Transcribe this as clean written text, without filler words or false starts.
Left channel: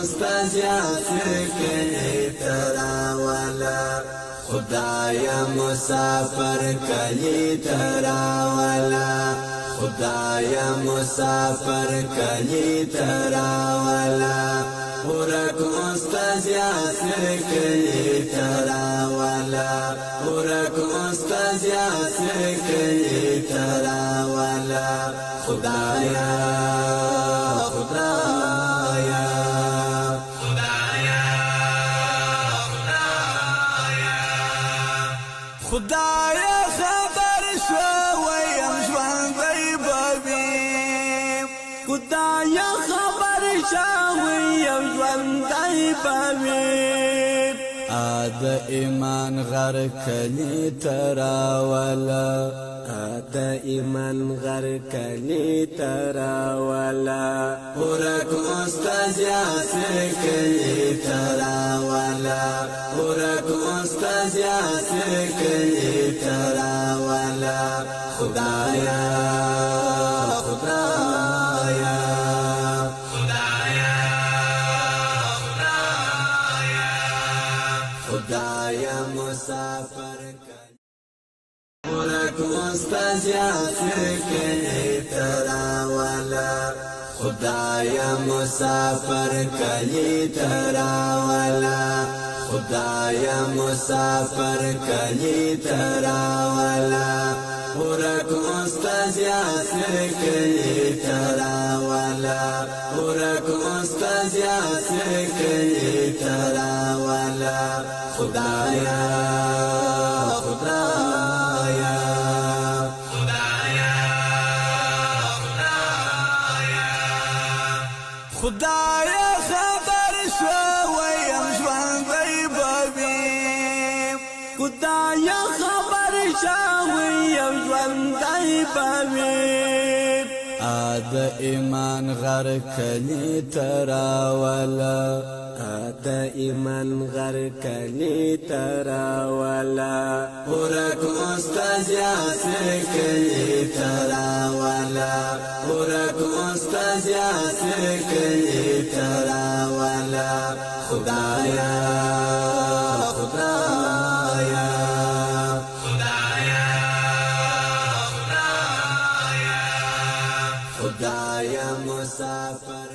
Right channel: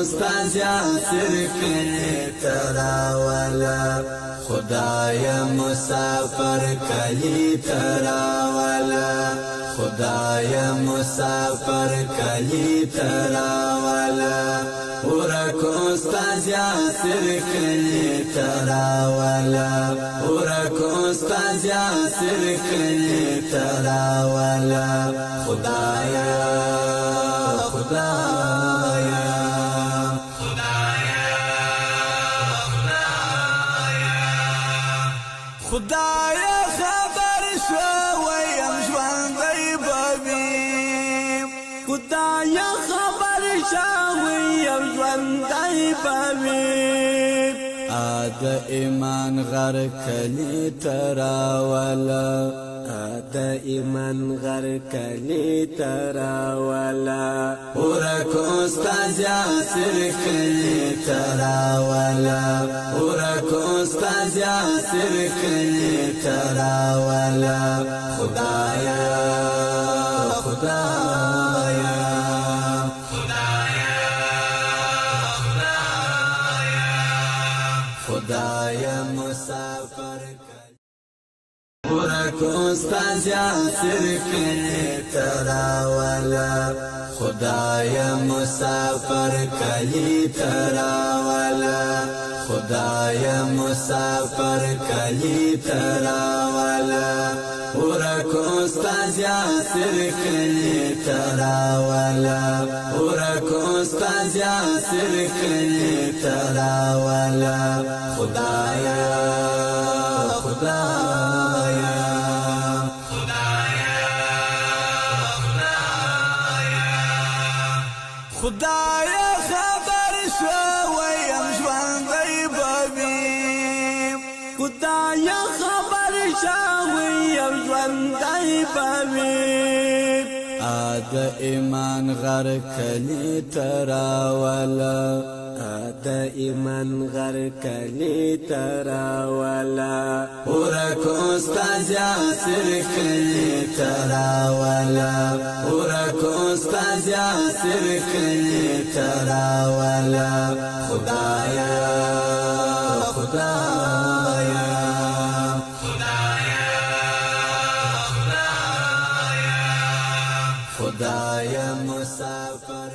استازیا سر کلی تراولا خدایا مسافر کلی تراولا خدایا مسافر کلی تراولا ورکو استازیا سر کلی تراولا ورکو استازیا سر کلی تراولا خدایا خدایا خدایا خبر شویم ژوندی بویم خدایا خبر شویم ژوندی بویم د ایمان غر کلی تراولا د ایمان غر کلی تراولا ورکو استازیا سر کلی تراولا ورکو استازیا سر کلی تراولا خدایا خدایا خدایا مسافر ورکو استازیا سر کلی تراولا خدایا مسافر کلی تراولا خدایا مسافر کلی تراولا ورکو استازیا سر کلی تراولا ورکو استازیا سر کلی تراولا خدایا خدایا خدایا خبر شویم ژوندی بویم خدایا خبر شویم ژوندی بویم د ایمان غر کلی تراولا د ایمان غر کلی تراولا ورکو استازیا سر کلی تراولا ورکو استازیا سر کلی تراولا خدایا خدایا خدایا مسافر